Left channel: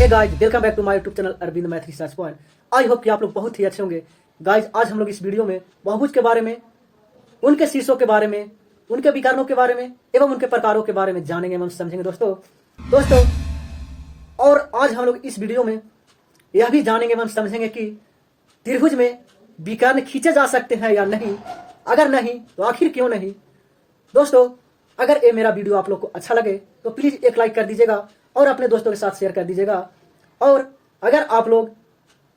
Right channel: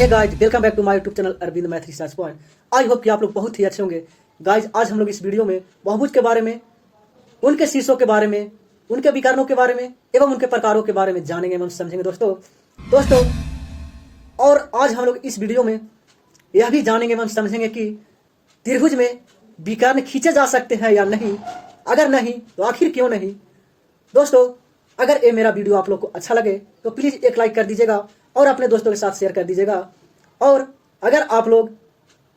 Hey guys, welcome back to my YouTube channel Arvind math research point. I hope कि आप लोग बहुत ही अच्छे होंगे। गाइज, आज हम लोग इस वीडियो में बहुभुज के बारे में, उनके शीर्षों के बारे में, उनके विकर्णों के बारे में एवं उनके प्रकारों के बारे में जानेंगे एवं समझेंगे दोस्तों। और आज हम लोग इस वीडियो में यह भी जानेंगे एवं समझेंगे कि त्रिभुज में विकर्ण खींचे जा सकते हैं या नहीं। अगर नहीं तो आखिर क्यों नहीं। दोस्तों, अगर ये मेरा वीडियो आप लोग को अच्छा लगे तो प्लीज एक लाइक कर दीजिएगा और अपने दोस्तों के साथ शेयर कर दीजिएगा। और अगर आप लोग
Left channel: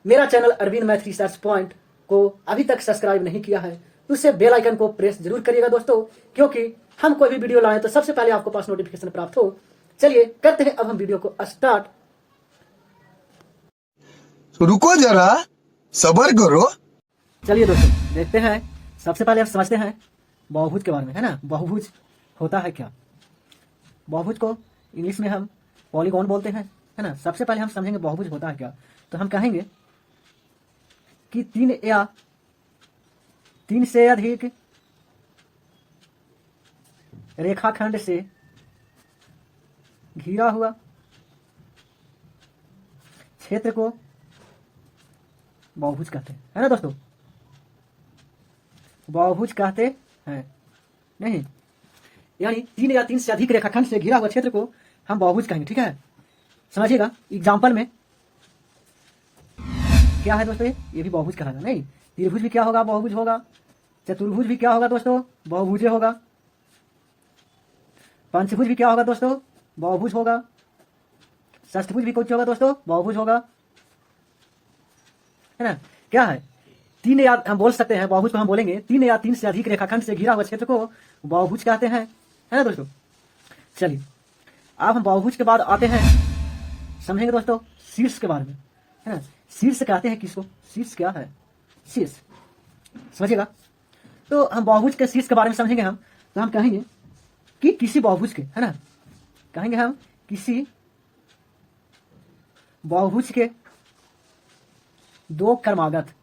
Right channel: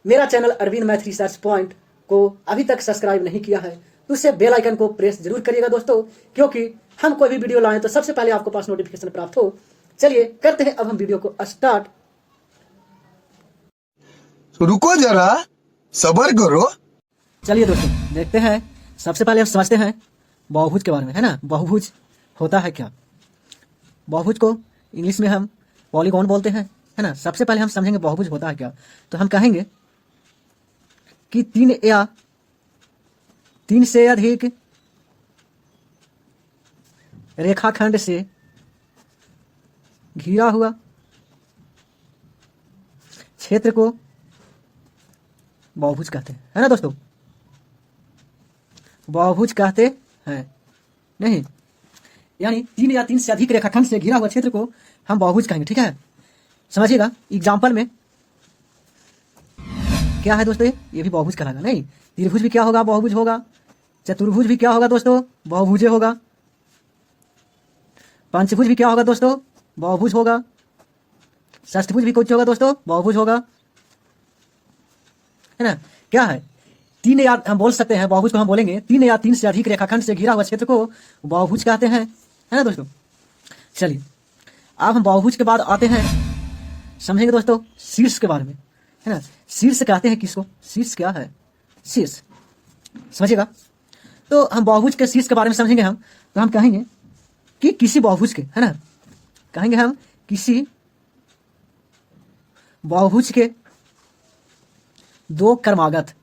मेरा channel Arvind math research point को अभी तक सब्सक्राइब नहीं किया है तो उससे बेल आइकन को प्रेस जरूर करिएगा दोस्तों, क्योंकि हम कोई भी वीडियो लाएं तो सबसे पहले आपको पास नोटिफिकेशन प्राप्त हो। चलिए करते हैं अब हम वीडियो को स्टार्ट। रुको जरा, सब्र करो। चलिए दोस्तों, देखते हैं। सबसे पहले हम समझते हैं बहुभुज के बारे में, है ना। बहुभुज होता है क्या। बहुभुज को इंग्लिश में हम पॉलीगॉन बोलते हैं, है ना। सबसे पहले हम समझेंगे बहुभुज होता है क्या। तो हम कहेंगे कि तीन या तीन से अधिक रेखाखंड से घिरा हुआ क्षेत्र को बहुभुज कहते हैं, है ना दोस्तों। बहुभुज कहते हैं नहीं, यानी तीन या तीन से अधिक रेखाखंड से घिरा हुआ क्षेत्र को हम बहुभुज कहेंगे, ठीक है। समझिएगा। एग्जाम्पल में क्या है दोस्तों, ये भी बहुभुज कहलाएगा। नहीं, त्रिभुज भी क्या होगा, बहुभुज होगा। चतुर्भुज भी क्या होगा दोस्तों, बहुभुज होगा। पंचभुज भी क्या होगा दोस्तों, बहुभुज होगा। षष्ठभुज भी कुछ होगा दोस्तों, बहुभुज होगा, है ना। क्या है, तीन या हम बोल सकते हैं बहुभुज को हम बोलेंगे तीन या तीन से अधिक रेखाखंड से घिरा हुआ क्षेत्र को बहुभुज कहते हैं, है ना दोस्तों। चलिए अब हम बहुभुज के बाद आते हैं, समझेंगे दोस्तों शीर्ष के बारे में, है ना। शीर्ष कहते हैं किसको, शीर्ष क्या है, शीर्ष। समझिएगा। तो हम बहुभुज के शीर्ष के बारे में समझेंगे हम। तो हम कहेंगे कि किसी बहुभुज के, है ना, कहेंगे हम किसी बहुभुज के दो क्रमागत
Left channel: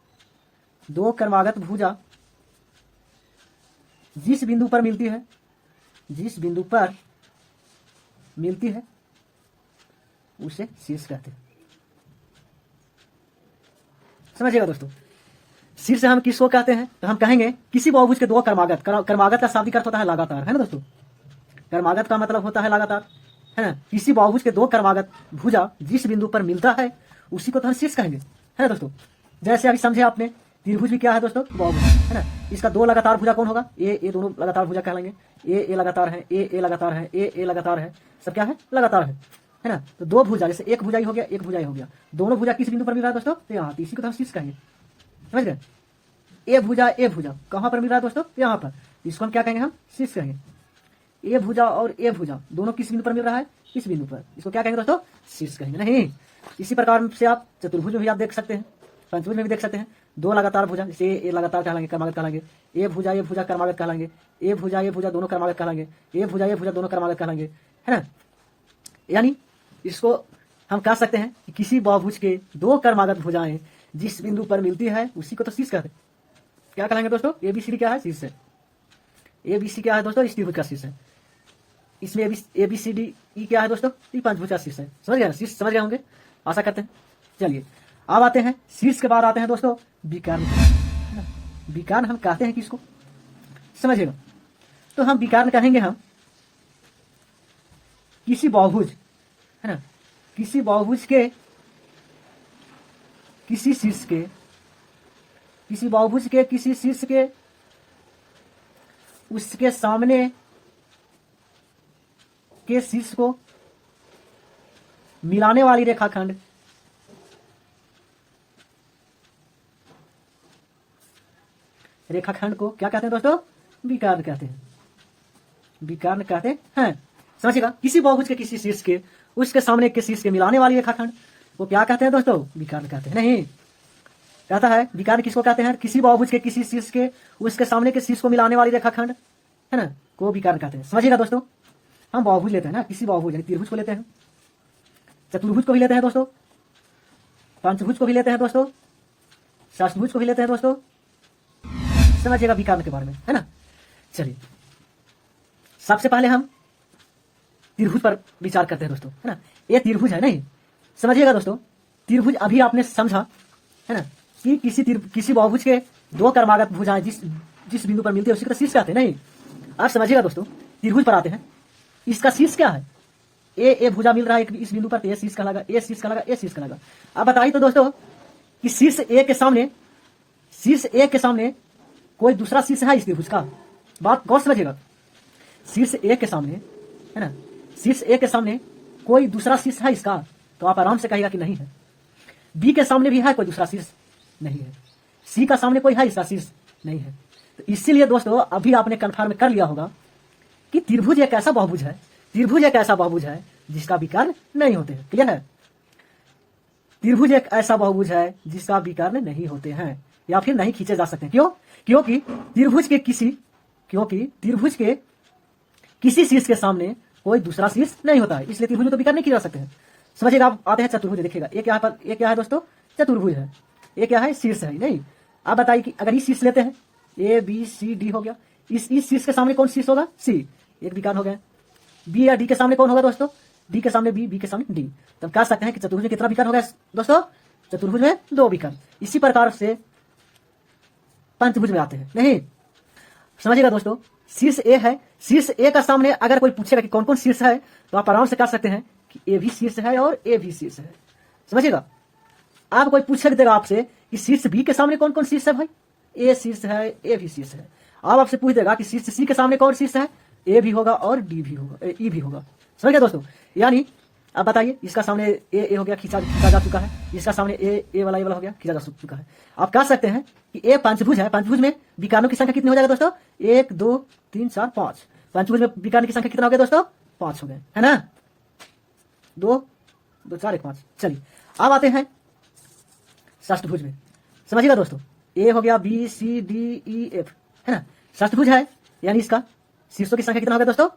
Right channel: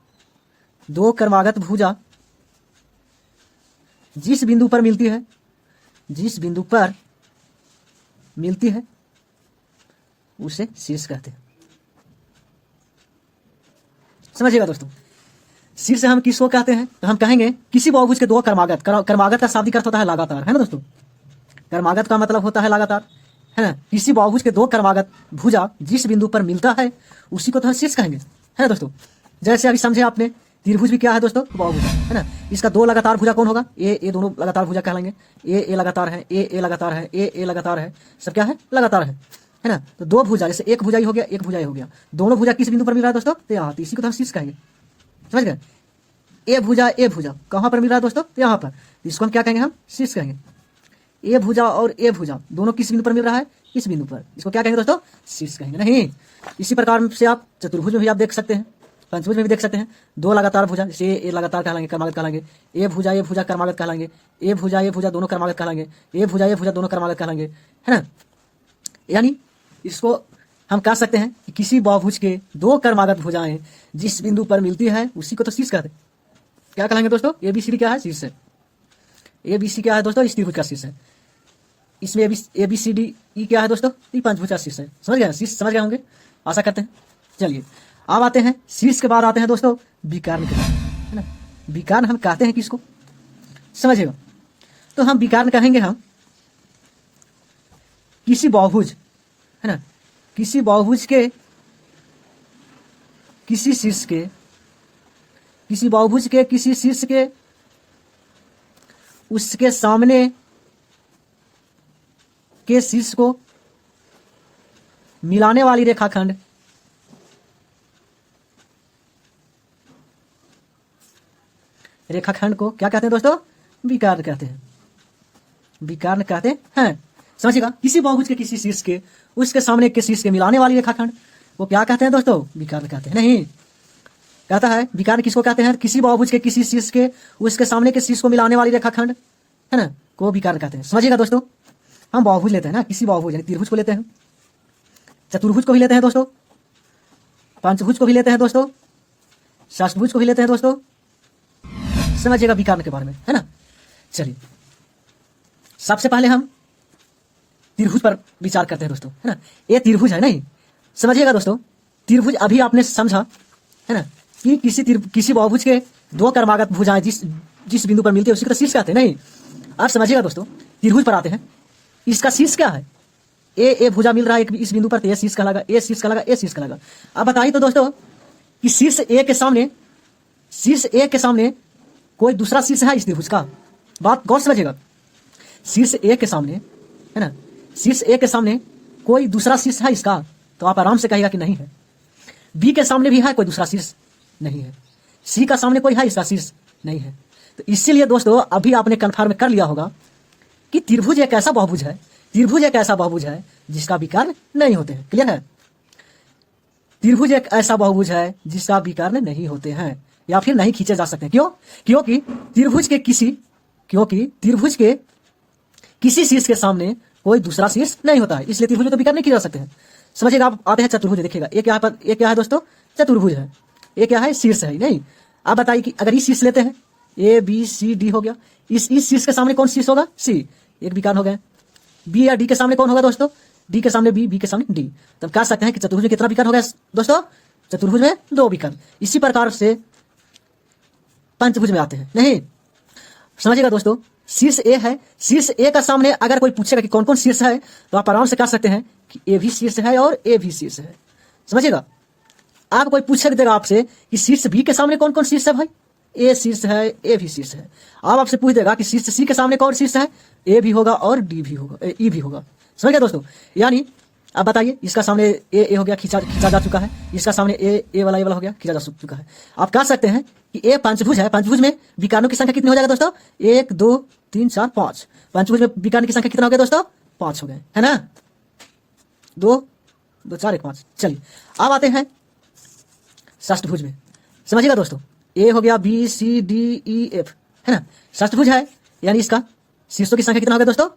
भुजा जिस बिंदु पर मिलती है उसे शीर्ष कहते हैं। समझिएगा दोस्तों, शीर्ष हम किसको कहते हैं। तो हम कहेंगे किसी बहुभुज के दो क्रमागत का शाब्दिक अर्थ होता है लगातार, है ना दोस्तों। क्रमागत का मतलब होता है लगातार, है ना। किसी बहुभुज के दो क्रमागत भुजा जिस बिंदु पर मिलता है उसी को तो हम शीर्ष कहेंगे, है ना दोस्तों। जैसे अभी समझे आपने, त्रिभुज भी क्या है दोस्तों, बहुभुज, है ना। इसका दो लगातार भुजा कौन होगा, ए दोनों लगातार भुजा कहलाएंगे। ए लगातार है, ए लगातार है, ए लगातार है, सब क्या है, लगातार है ना। तो दो भुजा, जैसे एक भुजा ही हो गया, एक भुजा ही हो गया, दोनों भुजा किस बिंदु पर मिल रहा है दोस्तों, तो यहाँ। तो इसी को तो हम शीर्ष कहेंगे, समझ गए। ए भुजा कहाँ पर मिल रहा है दोस्तों, यहाँ पर। इसको हम क्या कहेंगे, हम शीर्ष कहेंगे। ए भुजा और ए भुजा दोनों किस बिंदु पर मिल रहा है, इस बिंदु पर। इसको क्या कहेंगे दोस्तों, शीर्ष कहेंगे। नहीं, इसी प्रकार से आप चतुर्भुज में भी आप देख सकते हैं, पंचभुज में भी देख सकते हैं। दो लगातार भुजा, जैसे ए लगातार कहलाएंगे, क्रमागत कहलाएंगे। ए भुजा क्रमागत कहलाएंगे। ए भुजा दोनों क्रमागत कहलाएंगे। ए भुजा दोनों क्रमागत कहलाएंगे, है ना। यानी इसको हम कह सकते हैं कि किसी बहुभुज के दो क्रमागत भुजाएं जिस बिंदु पर मिलती है उसी को तो शीर्ष कहते हैं। क्या कहलाएंगे दोस्तों, एबीसीडी क्या है, शीर्ष है। एबीसी क्या है दोस्तों, इस त्रिभुज का शीर्ष है। इसमें एबीसीडी ई क्या है दोस्तों, ये पंचभुज का शीर्ष है। समझ गए, शीर्ष समझ गए होंगे, आशा करते हैं। चलिए अब आते हैं शीर्ष के बाद आते हैं दोस्तों विकर्ण के, है ना। विकर्ण हम कहते हैं किसको, समझिएगा। तो हम विकर्ण कहेंगे हम किसी बहुभुज, है ना, किसी बहुभुज के किसी शीर्ष के, किसी बहुभुज के किसी शीर्ष के उसके सामने के शीर्ष को मिलाने वाली रेखाखंड को क्या कहते हैं दोस्तों, विकर्ण कहते हैं। विकर्ण कहते हैं, समझिएगा। किसी बहुभुज के किसी शीर्ष के उसके सामने के शीर्ष के मिलाने वाली रेखाखंड वो क्या कहते हैं दोस्तों, विकर्ण कहते हैं। नहीं, कहता है विकर्ण किसको कहते हैं, किसी बहुभुज के किसी शीर्ष के उसके सामने के शीर्ष को मिलाने वाली रेखाखंड, है ना, को विकर्ण कहते हैं। समझिएगा दोस्तों, हम बहुभुज लेते हैं ना, किसी बहुभुज यानी त्रिभुज को लेते हैं, चतुर्भुज को भी लेते हैं दोस्तों, पंचभुज को भी लेते हैं दोस्तों, षष्ठभुज को भी लेते हैं दोस्तों। समझिएगा विकर्ण के बारे में, है ना। चलिए सबसे पहले हम त्रिभुज पर विचार करते हैं दोस्तों, है ना। ये त्रिभुज है नहीं, समझिएगा दोस्तों, त्रिभुज अभी आपने समझा है ना कि किसी बहुभुज के दो कर्मागत भुजाएं जिस बिंदु पर मिलती है उसी को तो शीर्ष कहते हैं। नहीं, आप समझिएगा दोस्तों, त्रिभुज पर आते हैं, इसका शीर्ष क्या है? ए भुजा मिल रहा है इस बिंदु पर, तो ए शीर्ष कहलाएगा, ए शीर्ष कहलाएगा, ए शीर्ष कहलाएगा। अब बताइए तो दोस्तों कि शीर्ष ए के सामने कोई दूसरा शीर्ष है इस त्रिभुज का? बात गौर समझिएगा, शीर्ष ए के सामने है ना, शीर्ष ए के सामने कोई दूसरा शीर्ष है इसका? तो आप आराम से कहिएगा कि नहीं है। बी के सामने भी है कोई दूसरा शीर्ष? नहीं है। सी का सामने कोई है इसका शीर्ष? नहीं है। तो इसीलिए दोस्तों अभी आपने कन्फर्म कर लिया होगा कि त्रिभुज एक ऐसा बहुभुज है, त्रिभुज एक ऐसा बहुभुज है जिसका विकर्ण नहीं होते हैं। क्लियर है? त्रिभुज एक ऐसा बहुभुज है जिसका विकर्ण नहीं होते हैं या फिर नहीं खींचे जा सकते। क्यों? क्योंकि त्रिभुज के किसी शीर्ष के सामने कोई दूसरा शीर्ष नहीं होता है, इसलिए त्रिभुज तो विकर्ण नहीं किए जा सकते हैं। समझिएगा, आप आते हैं चतुर्भुज, देखिएगा एक क्या है दोस्तों? चतुर्भुज है। एक क्या है? शीर्ष है। नहीं, आप बताइए कि अगर इस शीर्ष लेते हैं, ए बी सी डी हो गया, इस शीर्ष के सामने कौन शीर्ष होगा? सी, एक विकर्ण हो गया। बी या डी के सामने कौन होगा दोस्तों? डी के सामने बी, बी के सामने डी। तब कह सकते हैं कि चतुर्भुज में कितना विकर्ण हो गया दोस्तों? चतुर्भुज में 2 विकर्ण। इसी प्रकार से पंचभुज में आते हैं। नहीं, समझिएगा दोस्तों, शीर्ष ए है, शीर्ष ए का सामने अगर कोई पूछेगा कि कौन कौन शीर्ष है, तो आप आराम से कह सकते हैं कि ए भी शीर्ष है और ए भी शीर्ष है। समझिएगा, आप कोई पूछ देगा आपसे कि शीर्ष बी के सामने कौन कौन शीर्ष है? भाई ए शीर्ष है, ए भी शीर्ष है। आप आपसे पूछ देगा कि शीर्ष सी के सामने कौन शीर्ष है? ए भी होगा और डी भी होगा, ई भी होगा। समझ गए दोस्तों? यानी अब बताइए, इसका सामने ए हो गया, खींचा जा चुका है, इसका सामने ए वाला हो गया, खींचा जा चुका है। आप कह सकते हैं कि ए पंचभुज है। पंचभुज में विकर्णों की संख्या कितनी हो जाएगा दोस्तों? 1 2 3 4 5। पंचभुज में विकर्ण की संख्या कितना हो गया दोस्तों? 5 हो गए, है ना? 2 2 4 1 5। चलिए अब आते हैं षष्ठभुज में। समझिएगा दोस्तों, ए हो गया, B C D E F, है ना? षष्ठभुज है, यानी इसका शीर्षों की संख्या कितना हो गया दोस्तों?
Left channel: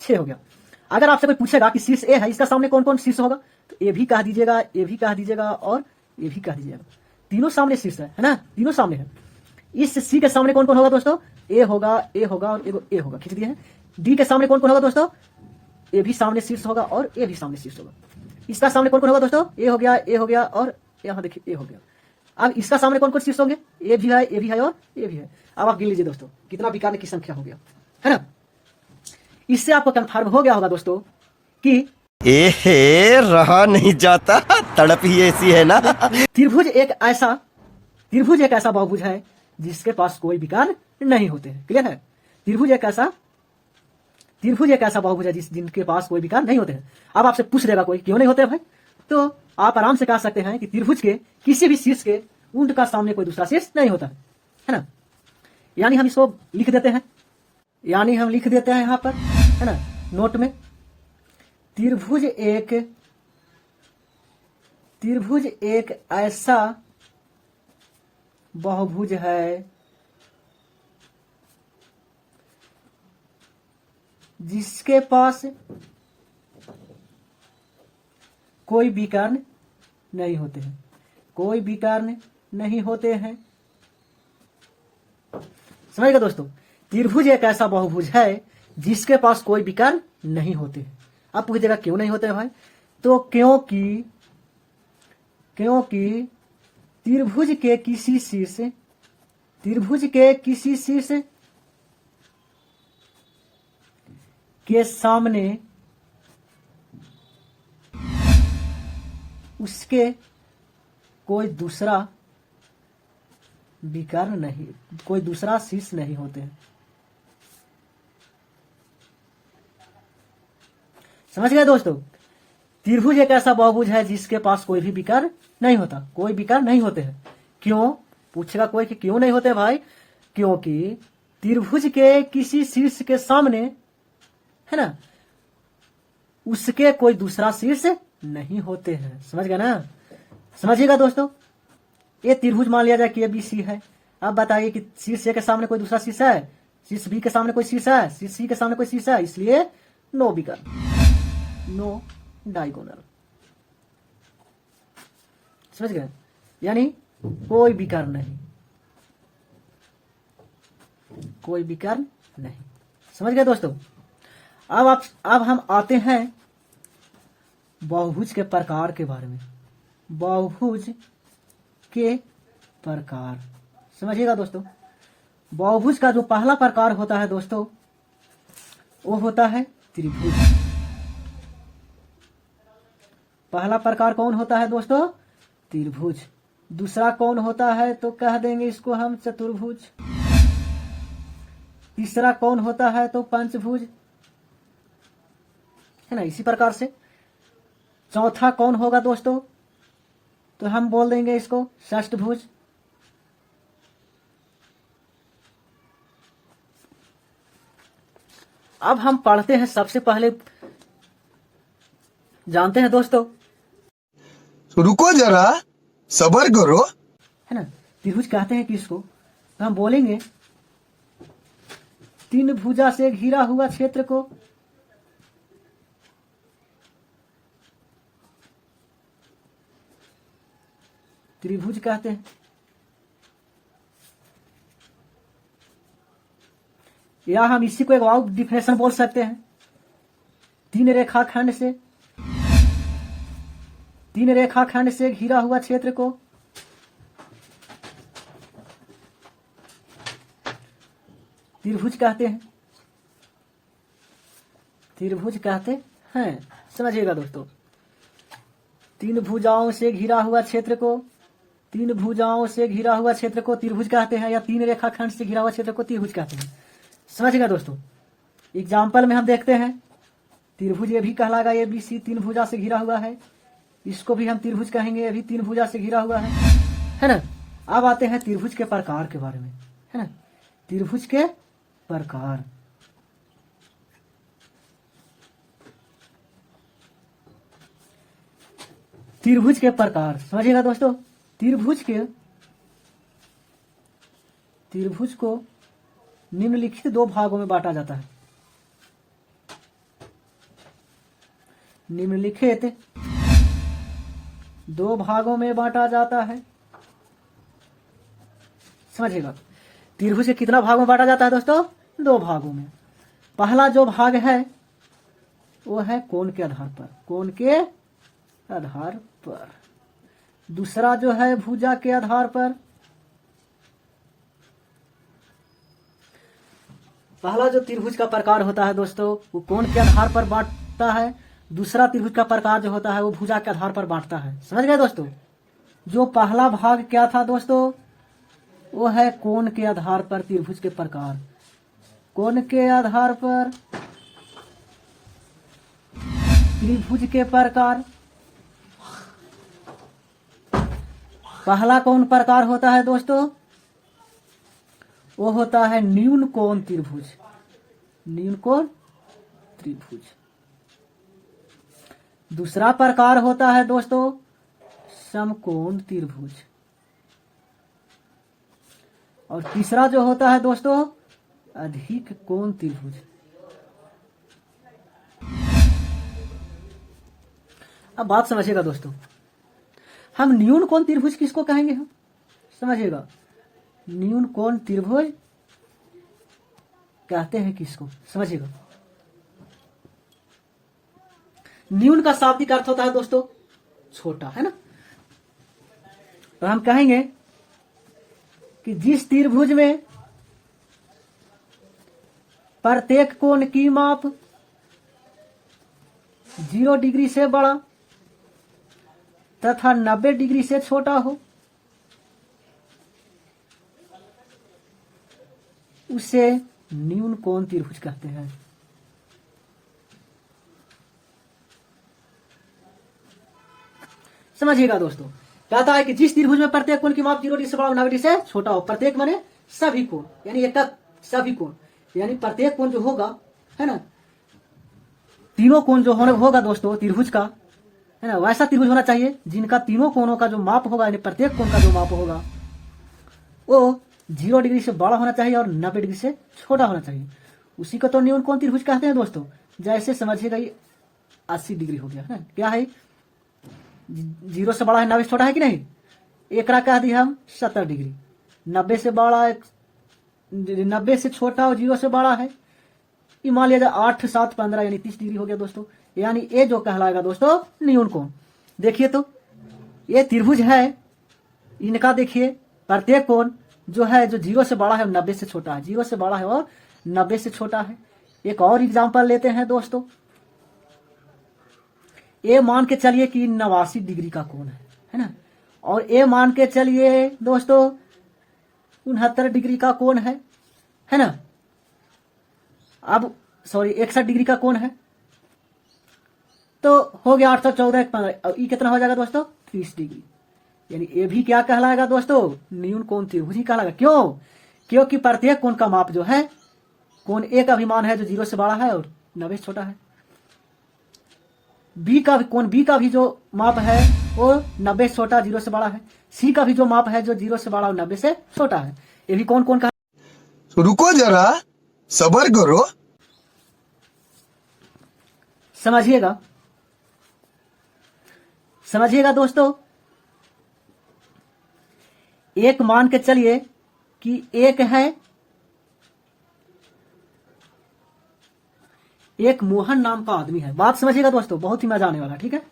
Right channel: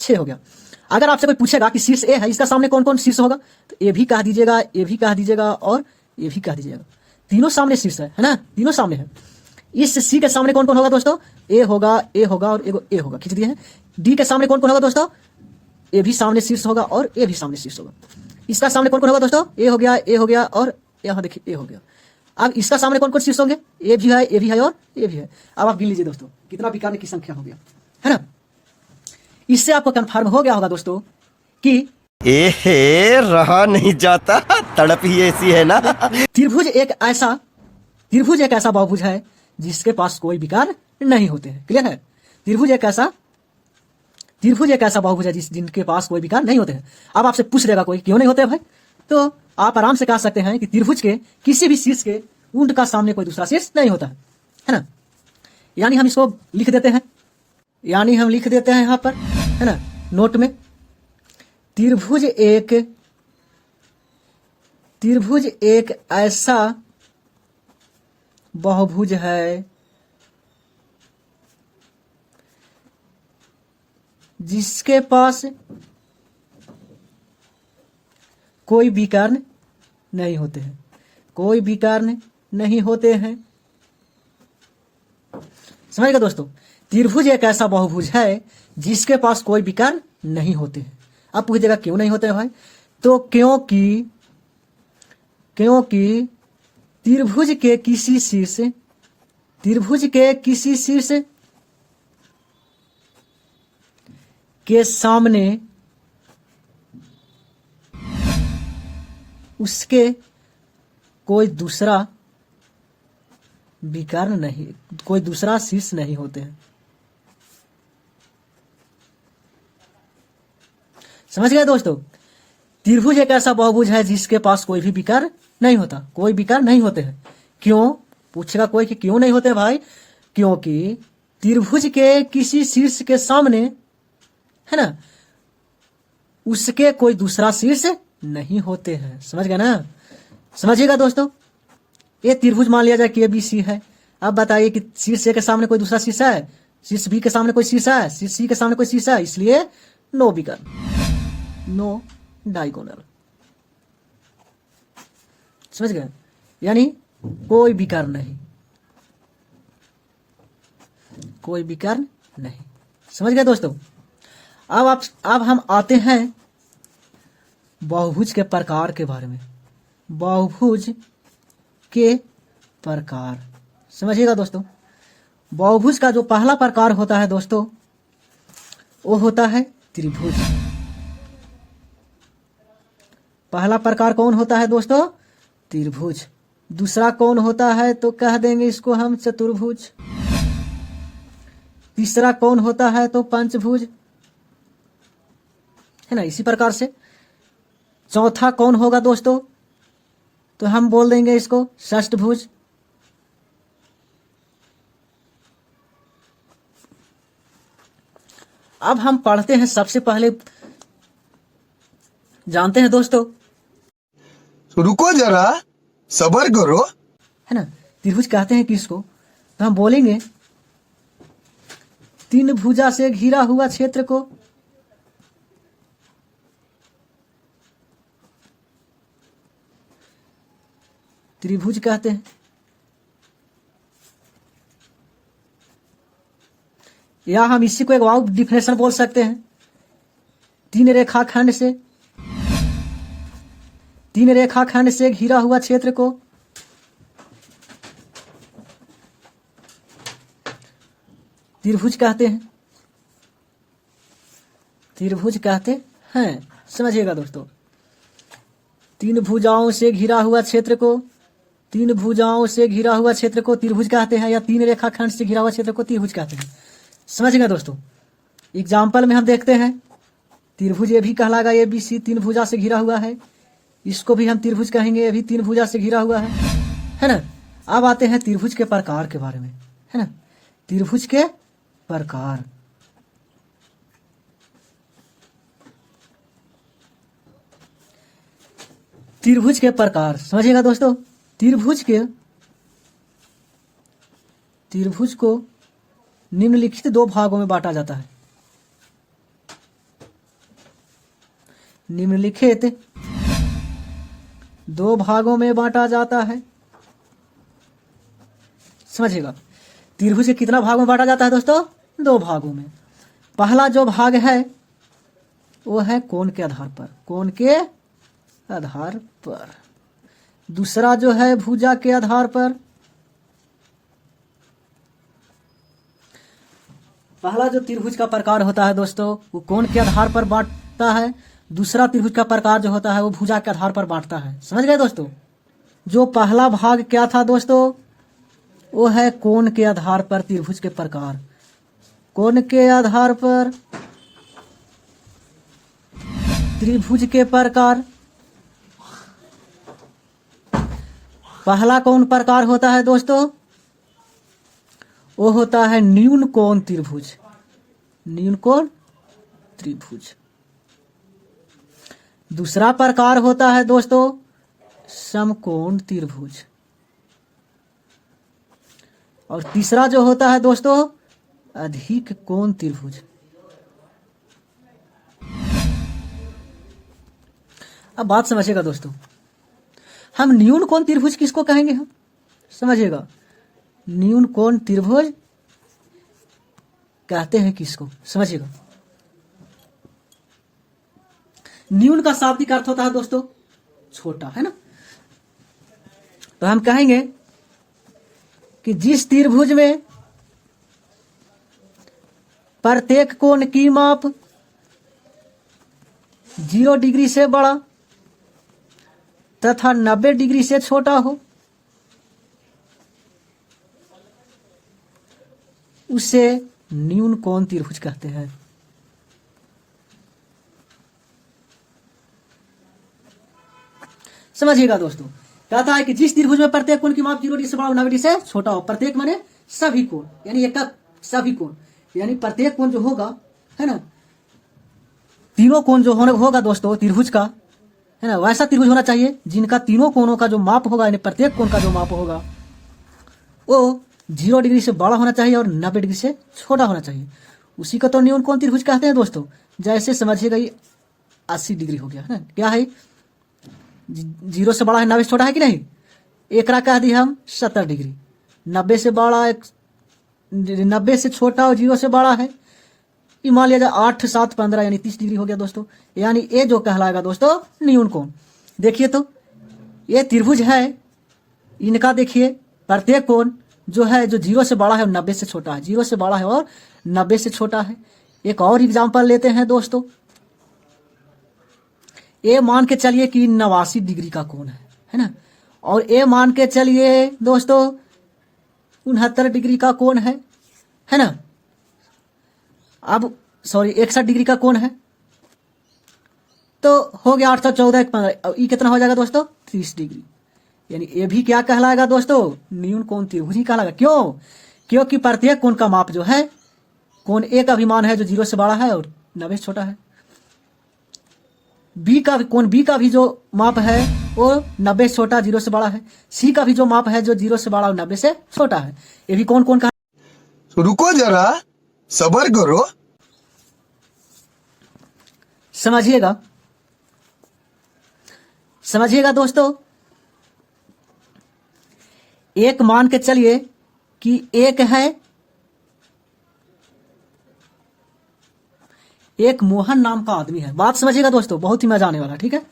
6 हो गया। अगर आपसे कोई पूछेगा कि शीर्ष ए है, इसका सामने कौन कौन शीर्ष होगा, तो ए भी कह दीजिएगा, ए भी कह दीजिएगा और ए भी कह दीजिएगा। तीनों सामने शीर्ष है ना? तीनों सामने है। इस सी के सामने कौन कौन होगा दोस्तों? ए होगा और ए होगा, खींच दिए हैं। डी के सामने कौन कौन होगा दोस्तों? ए भी सामने शीर्ष होगा और ए भी सामने शीर्ष होगा। इसका सामने कौन कौन होगा दोस्तों? ए हो गया और यहाँ देखिए ए हो गया। अब इसका सामने कौन कौन शीर्ष होंगे? ए भी है, ए भी है और ए भी है। अब आप गिन लीजिए दोस्तों कितना विकर्ण की संख्या हो गया, है ना? इससे आपको कंफर्म हो गया होगा दोस्तों कि एहे रहा नहीं जाता, तड़प ही ऐसी है ना। त्रिभुज एक ऐसा बहुभुज है जिसके पास कोई विकर्ण नहीं होते हैं। क्लियर है? त्रिभुज एक ऐसा बहुभुज है जिनके पास कोई विकर्ण नहीं होते हैं। अब आपसे पूछ देगा कोई क्यों नहीं होते हैं भाई, तो आप आराम से कह सकते हैं कि त्रिभुज के किसी भी शीर्ष के उंड का सामने कोई दूसरा शीर्ष नहीं होता है ना? यानी हम इसको लिख देते हैं, यहाँ पर, है ना, नोट में, त्रिभुज एक ऐसा बहुभुज है जिसके पास कोई विकर्ण नहीं होते हैं, कोई विकर्ण नहीं होते हैं। समझिएगा दोस्तों, त्रिभुज एक ऐसा बहुभुज है जिसके पास कोई विकर्ण नहीं होते हैं। अब पूछिएगा क्यों नहीं होते हैं भाई, तो क्योंकि त्रिभुज के किसी शीर्ष के सामने उसके कोई दूसरा विकर्ण नहीं, कोई दूसरा शीर्ष नहीं होते हैं। समझ गए दोस्तों? त्रिभुज एक ऐसा बहुभुज है जिसके पास कोई भी विकर्ण नहीं होता, कोई विकर्ण नहीं होते हैं। क्यों? पूछेगा कोई कि क्यों नहीं होते भाई? क्योंकि त्रिभुज के किसी शीर्ष के सामने, है ना, उसके कोई दूसरा शीर्ष नहीं होते हैं। समझ गए ना? समझिएगा दोस्तों, ये त्रिभुज मान लिया जाए कि बी सी है। अब बताइए कि शीर्ष ए के सामने कोई दूसरा शीर्ष है, शीर्ष बी के सामने कोई शीर्ष है, शीर्ष सी के सामने कोई शीर्ष है, इसलिए नो विकर्ण, नो डायगोनल। समझ गए? यानी कोई विकर्ण नहीं, कोई विकर्ण नहीं। समझ गए दोस्तों? अब हम आते हैं बहुभुज के प्रकार के बारे में। बहुभुज के प्रकार समझिएगा दोस्तों। बहुभुज का जो पहला प्रकार होता है दोस्तों वो होता है त्रिभुज। पहला प्रकार कौन होता है दोस्तों? त्रिभुज। दूसरा कौन होता है तो कह देंगे इसको हम चतुर्भुज। तीसरा कौन होता है तो पंचभुज, है ना। इसी प्रकार से चौथा कौन होगा दोस्तों तो हम बोल देंगे इसको षष्ठभुज। अब हम पढ़ते हैं, सबसे पहले जानते हैं दोस्तों, रुको जरा, सबर करो। है ना। त्रिभुज कहते हैं किसको तो हम बोलेंगे तीन भुजा से घिरा हुआ क्षेत्र को त्रिभुज कहते हैं। या हम इसी को एक और डिफिनेशन बोल सकते हैं, तीन रेखाखंड से घिरा हुआ क्षेत्र को त्रिभुज कहते हैं। त्रिभुज कहते हैं, समझिएगा दोस्तों। तीन भुजाओं से घिरा हुआ क्षेत्र को त्रिभुज कहते हैं, या तीन रेखाखंड से घिरा हुआ क्षेत्र को त्रिभुज कहते हैं। समझिएगा दोस्तों। एग्जाम्पल में हम देखते हैं, त्रिभुज ये भी कहलागा, ये भी सी तीन भुजा से घिरा हुआ है, इसको भी हम त्रिभुज कहेंगे, ये भी तीन भुजा से घिरा हुआ है ना। अब आते हैं त्रिभुज के प्रकार के बारे में, है ना। त्रिभुज के प्रकार, त्रिभुज के प्रकार समझिएगा दोस्तों। त्रिभुज को निम्नलिखित दो भागों में बांटा जाता है। निम्नलिखित दो भागों में बांटा जाता है, समझिएगा। त्रिभुज के कितना भागों में बांटा जाता है दोस्तों? दो भागों में। पहला जो भाग है वो है कोण के आधार पर, कोण के आधार पर। दूसरा जो है भुजा के आधार पर। पहला जो त्रिभुज का प्रकार होता है दोस्तों वो कोण के आधार पर बांटता है। दूसरा त्रिभुज का प्रकार जो होता है वो भुजा के आधार पर बांटता है। समझ गए दोस्तों। जो पहला भाग क्या था दोस्तों वो है कोण के आधार पर त्रिभुज के प्रकार। कोण के आधार पर त्रिभुज के प्रकार। पहला कौन प्रकार होता है दोस्तों? वो होता है न्यून कोण त्रिभुज। न्यून कोण त्रिभुज। दूसरा प्रकार होता है दोस्तों समकोण त्रिभुज। और तीसरा जो होता है दोस्तों अधिक कोण त्रिभुज। अब बात समझिएगा दोस्तों, हम न्यून कोण त्रिभुज किसको कहेंगे? हम समझिएगा, न्यून कोण त्रिभुज कहते हैं किसको? समझिएगा। न्यून का शाब्दिक अर्थ होता है दोस्तों छोटा, है ना। तो हम कहेंगे कि जिस त्रिभुज में प्रत्येक कोण की माप 0 डिग्री से बड़ा तथा 90 डिग्री से छोटा हो उसे न्यून कोण त्रिभुज कहते हैं। समझिएगा दोस्तों, कहता है कि जिस त्रिभुज में प्रत्येक कोण की माप 0 डिग्री से बड़ा और 90 डिग्री से छोटा हो। प्रत्येक माने सभी कोण, यानी एक सभी कोण, यानी प्रत्येक कोण जो होगा, है ना, तीनों कोण जो होगा दोस्तों त्रिभुज का, है ना, वैसा त्रिभुज होना चाहिए जिनका तीनों कोणों का जो माप होगा, यानी प्रत्येक कोण का जो माप होगा वो 0 डिग्री से बड़ा होना चाहिए और 90 डिग्री से छोटा होना चाहिए। उसी को तो न्यून कोण त्रिभुज कहते हैं दोस्तों। जैसे समझिएगा ये 80 डिग्री हो गया, है ना, क्या है 0 से बड़ा है 90 से छोटा है कि नहीं। एकरा कह दी हम 70 डिग्री। 90 से बड़ा 90 से छोटा और 0 से बड़ा है ये मान लिया जाए 8 7 15 यानी 30 डिग्री हो गया दोस्तों। यानी ये जो कहलाएगा दोस्तों न्यून कोण। देखिए तो ये त्रिभुज है, इनका देखिए प्रत्येक कोण जो है जो 0 से बड़ा है 90 से छोटा है, 0 से बड़ा है और 90 से छोटा है। एक और एग्जाम्पल लेते हैं दोस्तों, ये मान के चलिए कि 89 डिग्री का कोण है ना, और ये मान के चलिए दोस्तों 69 डिग्री का कोण है ना। अब सॉरी 61 डिग्री का कोण है, तो हो गया 8 14 15, ये कितना हो जाएगा दोस्तों 30 डिग्री। यानी ये भी क्या कहलाएगा दोस्तों न्यून कोण त्रिभुज ही कहलाएगा। क्यों? क्योंकि प्रत्येक कोण का माप जो है कोण ए का भी मान है जो 0 से बड़ा है और 90 से छोटा है। बी का कोण बी का भी जो माप है वो 90 से छोटा 0 से बड़ा है। सी का भी जो माप है जो 0 से बड़ा और 90 से छोटा है। ये भी कौन कौन का रुको जरा, सबर करो। समझिएगा दोस्तों, एक मान के चलिए कि एक है, एक मोहन नाम का आदमी है। बात समझिएगा दोस्तों, बहुत ही मजा आने वाला है, ठीक है।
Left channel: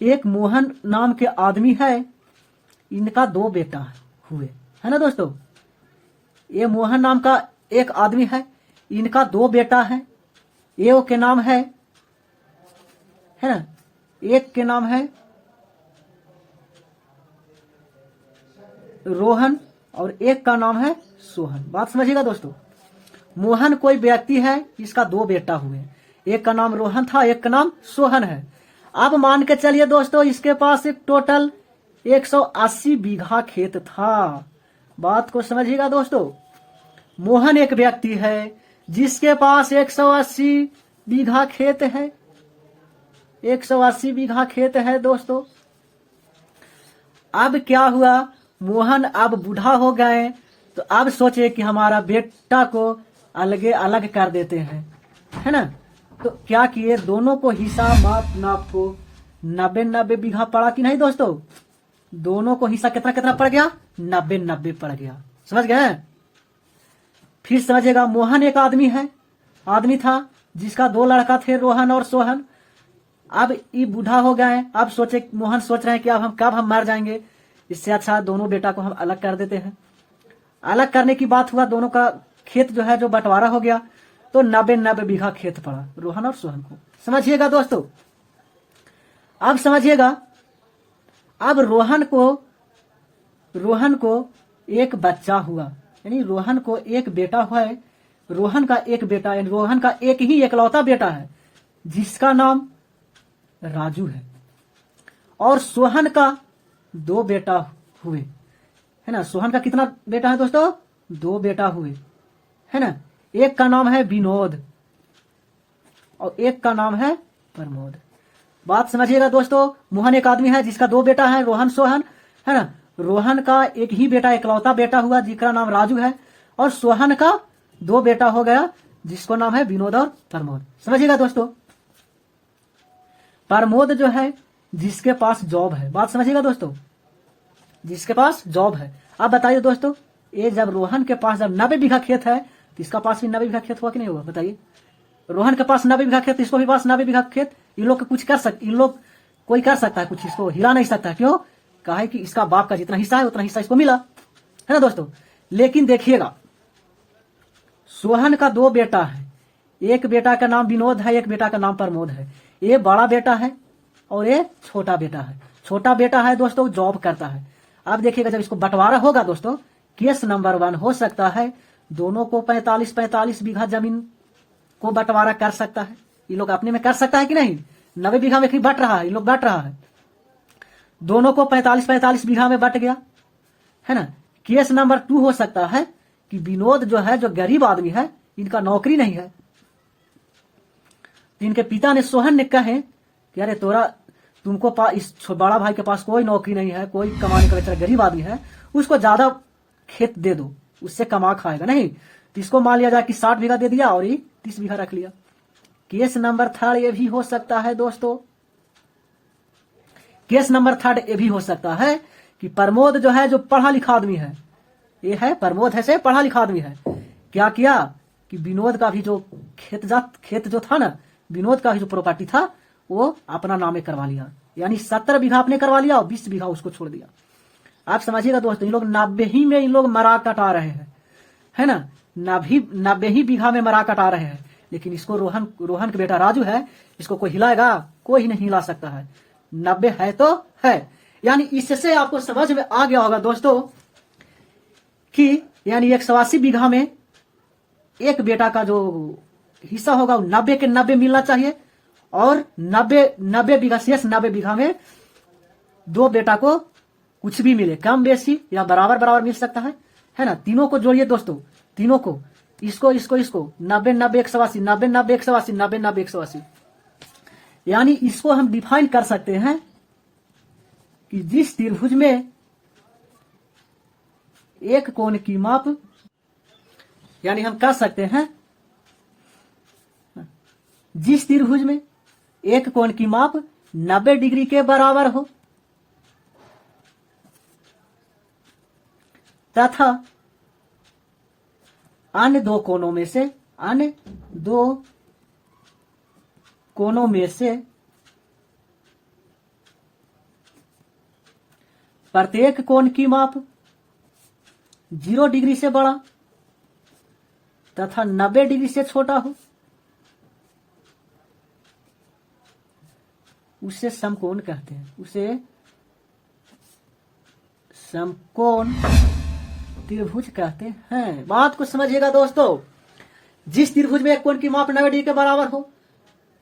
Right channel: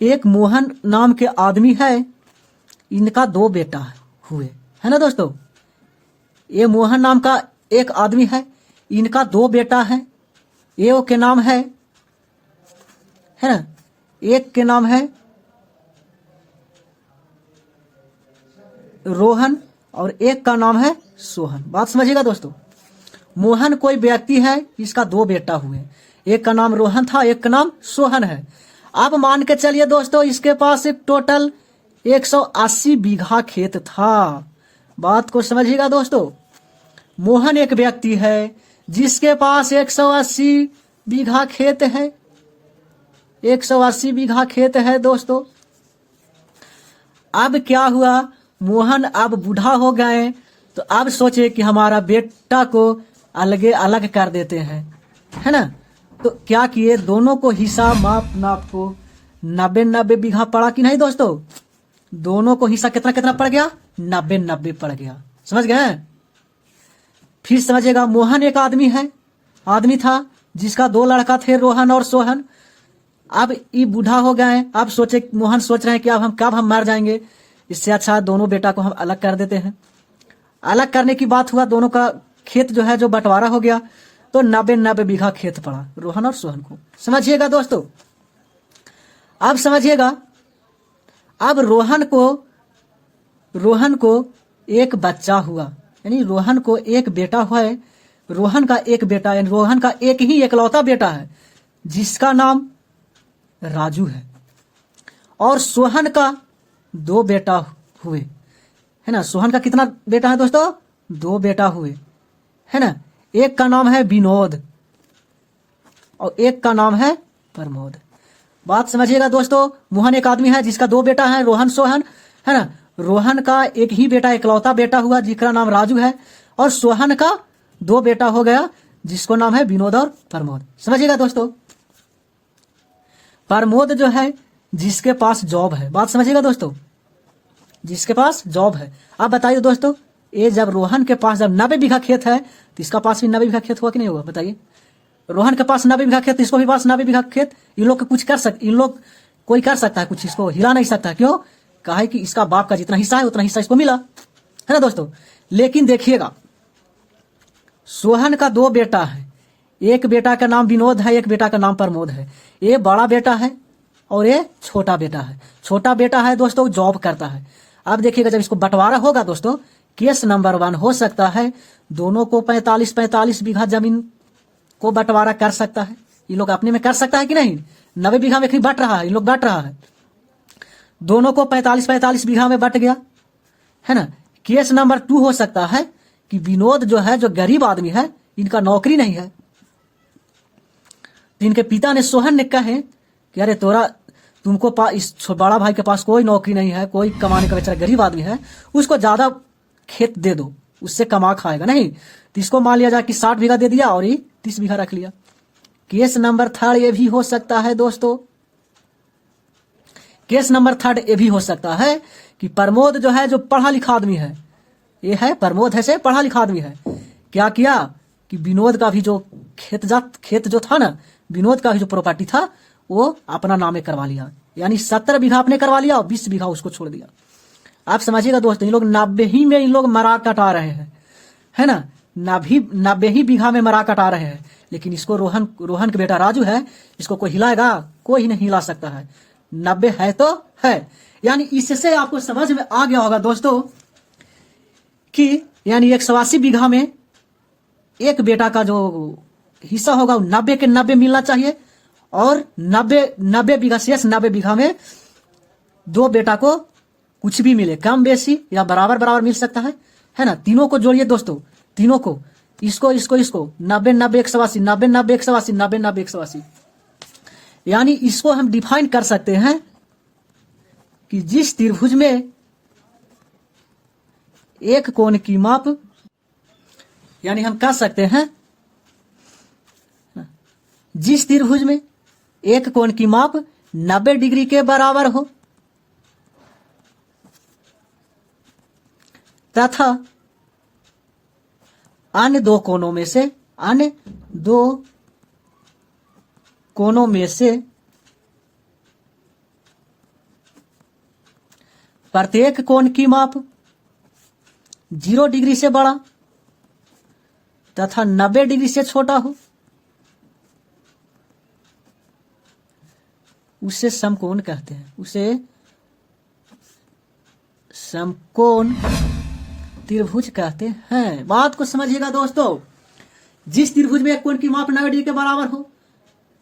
एक मोहन नाम के आदमी है, इनका 2 बेटा हुए, है ना दोस्तों। ये मोहन नाम का एक आदमी है, इनका 2 बेटा है। एक के नाम है ना, एक के नाम है रोहन और एक का नाम है सोहन। बात समझिएगा दोस्तों, मोहन कोई व्यक्ति है, इसका 2 बेटा हुए, एक का नाम रोहन था, एक का नाम सोहन है। अब मान के चलिए दोस्तों इसके पास एक टोटल 180 बीघा खेत था। बात को समझिएगा दोस्तों, मोहन एक व्यक्ति है जिसके पास 180 बीघा खेत है, 180 बीघा खेत है दोस्तों। अब क्या हुआ, मोहन अब बूढ़ा हो गए, तो अब सोचे कि हमारा बेटा को अलग कर देते हैं, है ना। तो क्या किए, दोनों को हिस्सा नाप को 90 बीघा पड़ा कि नहीं दोस्तों। दोनों को हिस्सा कितना पड़ गया, 90 पड़ गया। समझ गए। फिर समझिएगा, मोहन एक आदमी था जिसका 2 लड़का थे, रोहन और सोहन। अब ये बूढ़ा हो गए, अब मोहन सोच रहे हैं कि अब हम कब हम मर जाएंगे, इससे अच्छा दोनों बेटा को हम अलग कर देते हैं। अलग करने की बात हुआ, दोनों का खेत जो है जो बंटवारा हो गया, तो 90 बीघा खेत पड़ा रोहन और सोहन को। समझिएगा दोस्तों, अब समझिएगा, अब रोहन को एक बच्चा हुआ, यानी रोहन को एक बेटा हुआ है। रोहन का एक बेटा, यानी रोहन का एक ही एकलौता बेटा है जिसका नाम राजू है। और सोहन का 2 बेटा हुए, है ना। सोहन का कितना बेटा है दोस्तों, 2 बेटा हुए, है ना। एक का नाम है विनोद और एक का नाम है प्रमोद। बात समझिएगा दोस्तों, मोहन एक आदमी है जिसका 2 बेटा है, रोहन सोहन, है ना। रोहन का एक ही बेटा, एकलौता बेटा हुआ जिसका नाम राजू है, और सोहन का 2 बेटा हो गया जिसको नाम है विनोद और प्रमोद। समझिएगा दोस्तों, प्रमोद जो है जिसके पास जॉब है। बात समझिएगा दोस्तों, जिसके पास जॉब है। अब बताइए दोस्तों, ये जब रोहन के पास जब 90 बीघा खेत है, तो इसका पास भी 90 बीघा खेत हुआ कि नहीं हुआ, बताइए। रोहन के पास 90 बीघा खेत, इसको भी पास 90 बीघा खेत। इन लोग कुछ कर सकते, इन लोग कोई कर सकता है कुछ, इसको हिला नहीं सकता। क्यों? कहा है कि इसका बाप का जितना हिस्सा है उतना हिस्सा इसको मिला, है ना दोस्तों। लेकिन देखिएगा, सोहन का 2 बेटा है, एक बेटा का नाम विनोद है, एक बेटा का नाम प्रमोद है। ये बड़ा बेटा है और ये छोटा बेटा है। छोटा बेटा है दोस्तों जॉब करता है। अब देखिएगा, जब इसको बंटवारा होगा दोस्तों, केस नंबर 1 हो सकता है दोनों को 45 बीघा जमीन को बंटवारा कर सकता है। ये लोग अपने में कर सकता है कि नहीं, 90 बीघा में बट रहा है, ये लोग बट रहा है, दोनों को 45 बीघा में बट गया, है ना। केस नंबर 2 हो सकता है कि विनोद जो है, जो गरीब आदमी है, इनका नौकरी नहीं है। इनके पिता ने, सोहन ने कहे कि अरे तुमको इस बड़ा भाई के पास कोई नौकरी नहीं है, कोई कमाने का बेचारा गरीब आदमी है, उसको ज्यादा खेत दे दो, उससे कमा खाएगा नहीं। तो इसको मान लिया जाए कि 60 बीघा दे दिया और ये 30 बीघा रख लिया। केस नंबर 3 ये भी हो सकता है दोस्तों, केस नंबर 3 ये भी हो सकता है कि प्रमोद जो है, जो पढ़ा लिखा आदमी है, ये है प्रमोद है से पढ़ा लिखा आदमी है, क्या किया कि विनोद का भी जो खेत जो था ना, विनोद का भी जो प्रॉपर्टी था वो अपना नामे करवा लिया। यानी 17 बीघा आपने करवा लिया और 20 बीघा उसको छोड़ दिया। आप समझिएगा दोस्तों, इन लोग 90 ही में इन लोग मरा कटा रहे हैं, है ना, 90 ही बीघा में मरा कटा रहे हैं। लेकिन इसको रोहन के बेटा राजू है, इसको कोई हिलाएगा? कोई नहीं हिला सकता है। 90 है तो है। यानी इससे आपको समझ में आ गया होगा दोस्तों कि यानी 180 बीघा में एक बेटा का जो हिस्सा होगा वो 90 के 90 मिलना चाहिए, और 90 बीघा शेष 90 बीघा में दो बेटा को कुछ भी मिले, कम बेसी या बराबर बराबर मिल सकता है ना। तीनों को जोड़िए दोस्तों, तीनों को, इसको 90 90 180 90 90 180 90 90 180। यानी इसको हम डिफाइन कर सकते हैं कि जिस त्रिभुज में एक कोण की माप, यानी हम कह सकते हैं जिस त्रिभुज में एक कोण की माप 90 डिग्री के बराबर हो तथा अन्य दो कोणों में से प्रत्येक कोण की माप 0 डिग्री से बड़ा तथा 90 डिग्री से छोटा हो, उसे समकोण कहते हैं। उसे समकोण त्रिभुज कहते हैं। बात को समझिएगा दोस्तों, जिस त्रिभुज में एक कोण की माप 90 डिग्री के बराबर हो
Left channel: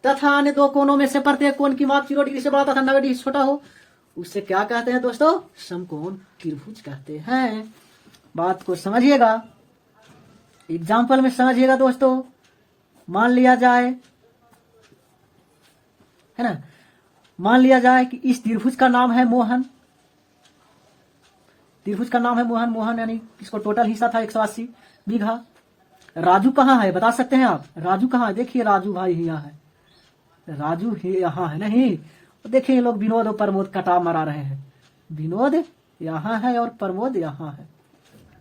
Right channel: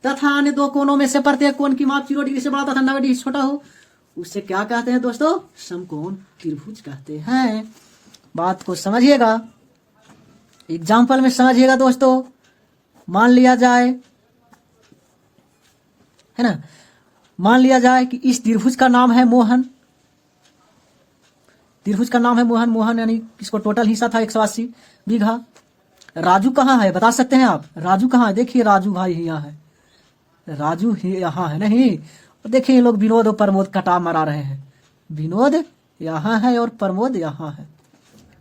तथा अन्य दो कोणों में से प्रत्येक कोण की माप 0 डिग्री से बड़ा तथा 90 डिग्री से छोटा हो, उससे क्या कहते हैं दोस्तों? समकोण त्रिभुज कहते हैं। बात को समझिएगा, एग्जाम्पल में समझिएगा दोस्तों। मान लिया जाए, है ना, मान लिया जाए कि इस त्रिभुज का नाम है मोहन। त्रिभुज का नाम है मोहन यानी इसको टोटल हिस्सा था 180 बीघा। राजू कहाँ है बता सकते हैं आप? राजू कहाँ है? देखिए राजू भाई यहाँ है, राजू यहाँ है नहीं। देखिए ये लोग विनोद और प्रमोद कटा मरा रहे हैं। विनोद यहाँ है और प्रमोद यहाँ है।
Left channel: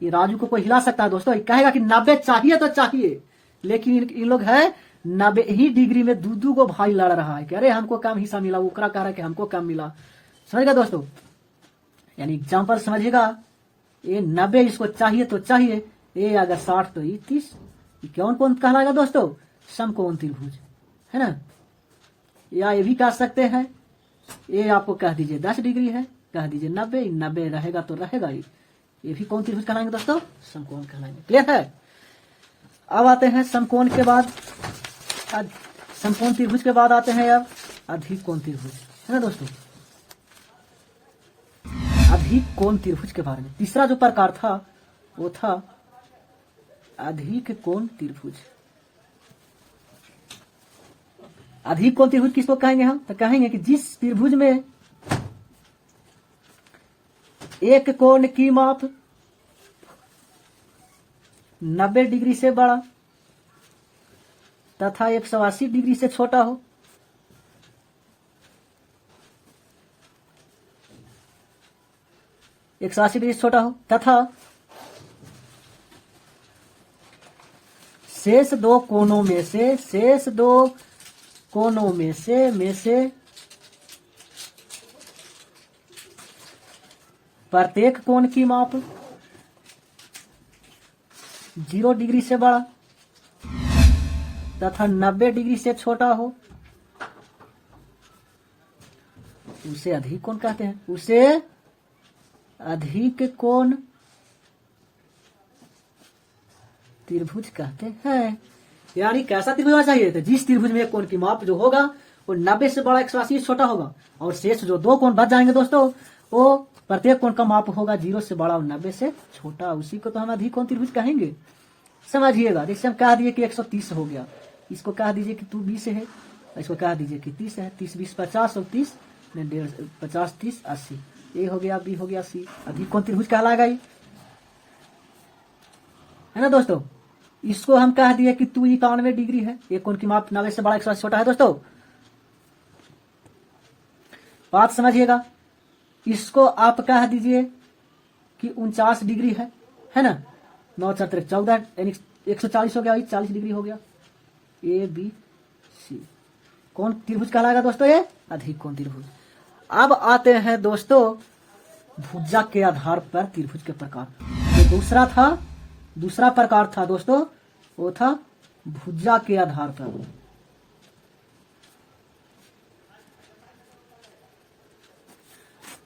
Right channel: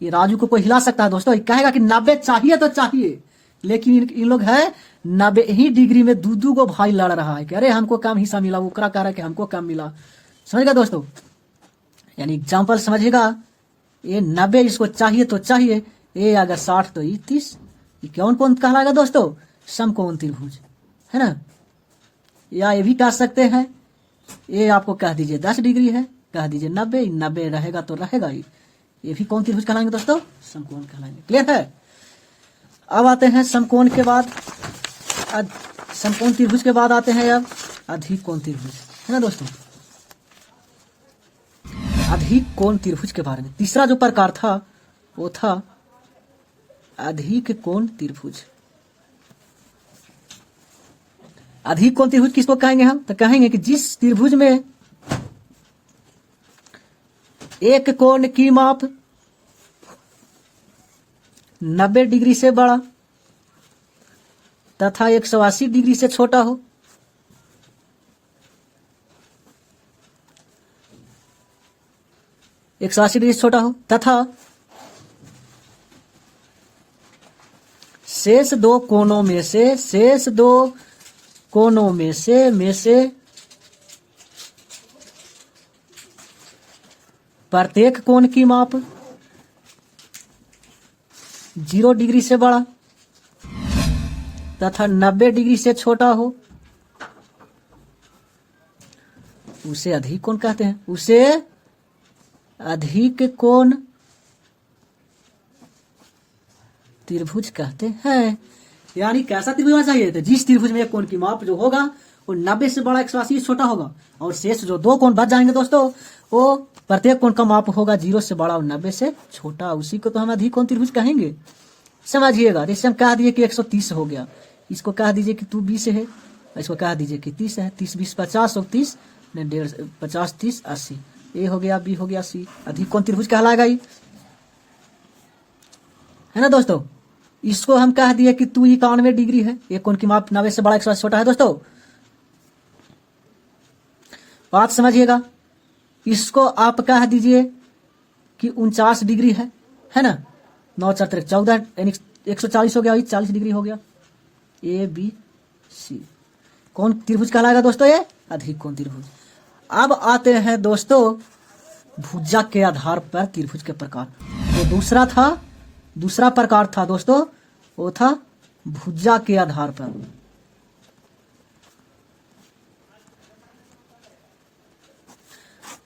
ये राजू को कोई हिला सकता है दोस्तों? कहेगा कि 90 चाहिए तो चाहिए, लेकिन इन लोग है 90 ही डिग्री में दू को भाई लड़ रहा है कि अरे हमको कम हिस्सा मिला, वो कह रहा है कि हमको कम मिला। समझेगा दोस्तों? यानी एग्जाम्पल समझिएगा, ये 90 इसको चाहिए तो चाहिए, ये अगर 60 तो 30। ये कौन कौन कहलाएगा दोस्तों? समकोण त्रिभुज, है ना। या ये भी कह सकते हैं, ये आपको कह दीजिए 10 डिग्री है, कह दीजिए 90 रहेगा तो रहेगा ही। ये भी कौन त्रिभुज कहलाएंगे दोस्तों? समकोण कहलाएंगे। क्लियर है? अब आते हैं समकोण के बाद, समकोण त्रिभुज के बाद आते हैं अब अधिक कोण त्रिभुज, है ना दोस्तों। अधिक कोण त्रिभुज के बारे में तीसरा जो प्रकार था वो था अधिक कोण त्रिभुज। अधिक कोण त्रिभुज किसको कहेंगे हम? तो कहेंगे कि जिस त्रिभुज में एक कोण की माप 90 डिग्री से बड़ा तथा 180 डिग्री से छोटा हो, डिग्री से छोटा हो तथा शेष दो कोणों में से प्रत्येक कोण की माप 0 डिग्री से बड़ा तथा 90 डिग्री से छोटा हो, उसे अधिक कोण कहते हैं। उसे अधिक कोण त्रिभुज कहते हैं। यानी कैसा त्रिभुज होना चाहिए? तो जिस त्रिभुज में एक कोण की माप जो होगा वो 90 से बड़ा 180 से छोटा होगा, और शेष जो दो कोण बच जाएंगे दोस्तों वो प्रत्येक कोण का माप होगा 0 से बड़ा और 90 से छोटा। उसी को तो हम अधिक कोण त्रिभुज कहेंगे। समझिएगा, जैसे हम कह दिए कि 130 हो गया, इसको कह दीजिए कि 20 है, इसको कह दीजिए कि 30 है। 30 20 50 और 30 50 30 80, ए हो गया, बी हो गया, सी। अधिक कोण त्रिभुज कहलाएगा ये, है ना दोस्तों। इसको हम कह दिए कि 91 डिग्री है, एक कोण की माप 90 से बड़ा 180 छोटा है दोस्तों। बात समझिएगा। इसको आप कह दीजिए कि 49 डिग्री है ना। 9 4 14 यानी 140 हो गया, 40 डिग्री हो गया, ए बी सी। कौन त्रिभुज कहलाएगा दोस्तों? ये अधिक कोण त्रिभुज। अब आते हैं दोस्तों भुजा के आधार पर त्रिभुज के प्रकार। जो दूसरा प्रकार था दोस्तों, वो था भुजा के आधार पर।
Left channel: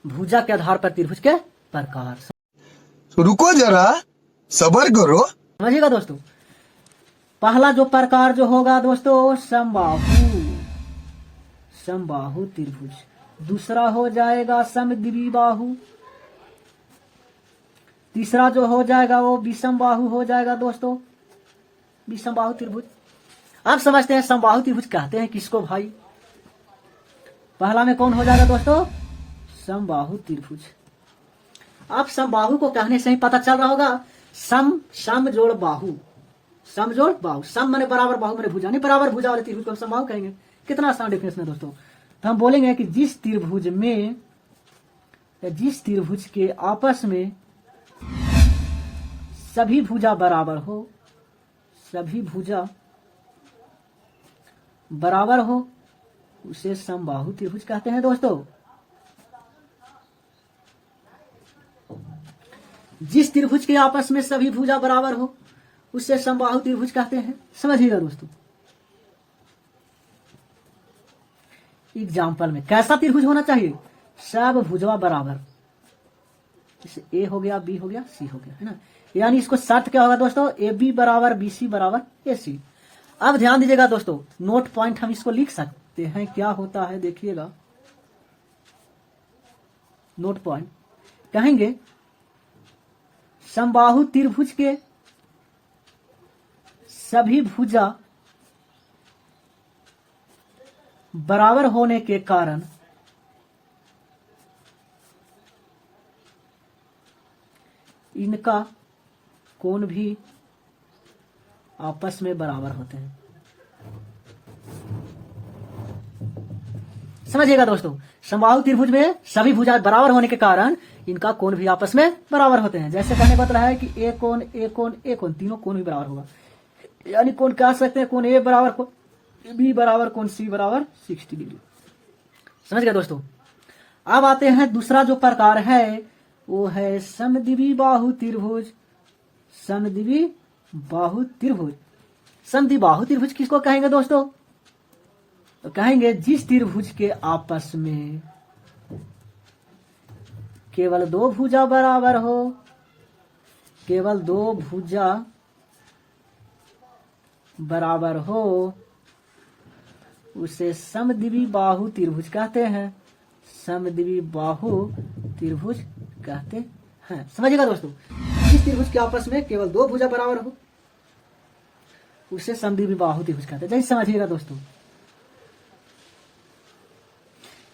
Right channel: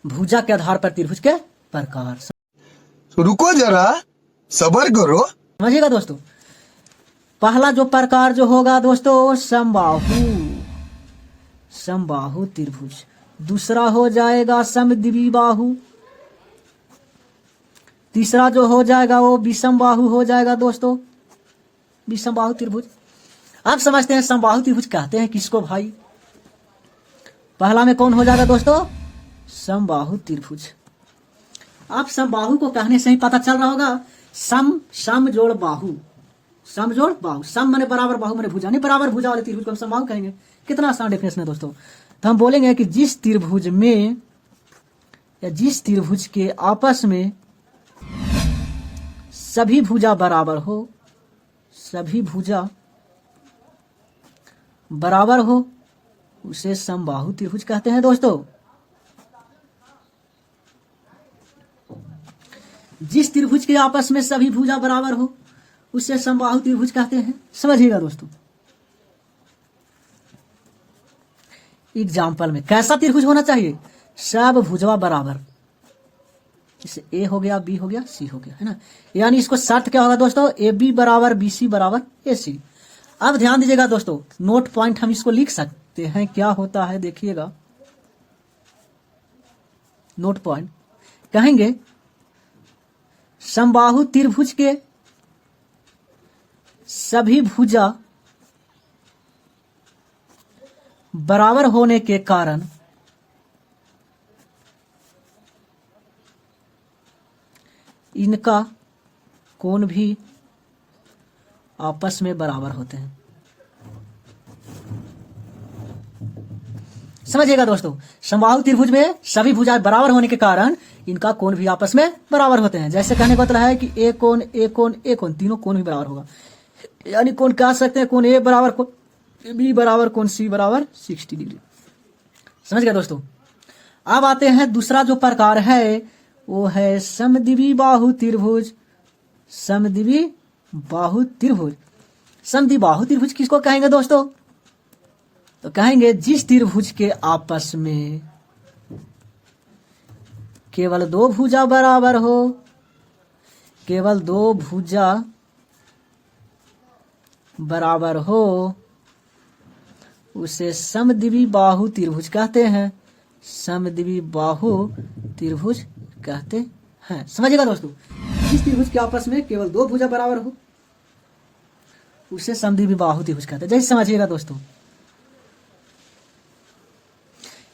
भुजा के आधार पर त्रिभुज के प्रकार रुको जरा, सबर करो। समझिएगा दोस्तों। पहला जो प्रकार जो होगा दोस्तों, समबाहु त्रिभुज। दूसरा हो जाएगा समद्विबाहु। तीसरा जो हो जाएगा वो विषमबाहु हो जाएगा दोस्तों, विषमबाहु त्रिभुज। अब समझते हैं समबाहु त्रिभुज कहते हैं किसको भाई। पहला में कौन हो जाएगा दोस्तों? समबाहु त्रिभुज। अब समबाहु को कहने से ही पता चल रहा होगा, सम जोड़ बाहु, सम जोड़ बाहु। सम माने बराबर, बाहु माने भुजा। नहीं, बराबर भुजा वाले त्रिभुज को हम समबाहु कहेंगे। कितना आसान डेफिनेशन है दोस्तों। तो हम बोलेंगे कि जिस त्रिभुज में या जिस त्रिभुज के आपस में सभी भुजा बराबर हो, सभी भुजा बराबर हो, उसे समबाहु त्रिभुज कहते हैं दोस्तों। जिस त्रिभुज के आपस में सभी भुजा बराबर हो, उसे समबाहु त्रिभुज कहते हैं। समझिएगा दोस्तों। एग्जाम्पल में कैसा त्रिभुज होना चाहिए? सब भुजवा बराबर। जैसे ए हो गया, बी हो गया, सी हो गया, है ना। यानी इसको शर्त क्या होगा दोस्तों? ए बी बराबर बी सी बराबर ए सी। अब ध्यान दीजिएगा दोस्तों, नोट पॉइंट हम इसको लिख सकते हैं। क्या होता है देखिएगा, नोट पॉइंट कहेंगे समबाहु त्रिभुज के सभी भुजा बराबर होने के कारण इनका कोण भी आपस में बराबर होते हैं। समझिएगा दोस्तों, समबाहु त्रिभुज में सभी भुजा बराबर होने के कारण इनका कोण भी आपस में बराबर होते हैं। जैसे कहने का मतलब है कि ए कोण ए कोण ए कोण, तीनों कोण भी बराबर होगा। यानी कोण कह सकते हैं, कोण ए बराबर कोण बी बराबर कोण सी बराबर 60 डिग्री। समझ गए दोस्तों। अब आते हैं दूसरा जो प्रकार है, वो है समद्विबाहु त्रिभुज। समद्विबाहु त्रिभुज। समद्विबाहु त्रिभुज किसको कहेंगे दोस्तों? तो कहेंगे जिस त्रिभुज के आपस में केवल दो भुजा बराबर हो, केवल दो भुजा बराबर हो, उसे समद्विबाहु त्रिभुज कहते हैं। समद्विबाहु त्रिभुज कहते हैं। समझिएगा दोस्तों, जिस त्रिभुज के आपस में केवल दो भुजा बराबर हो, उसे समद्विबाहु त्रिभुज कहते हैं। जैसे समझिएगा दोस्तों,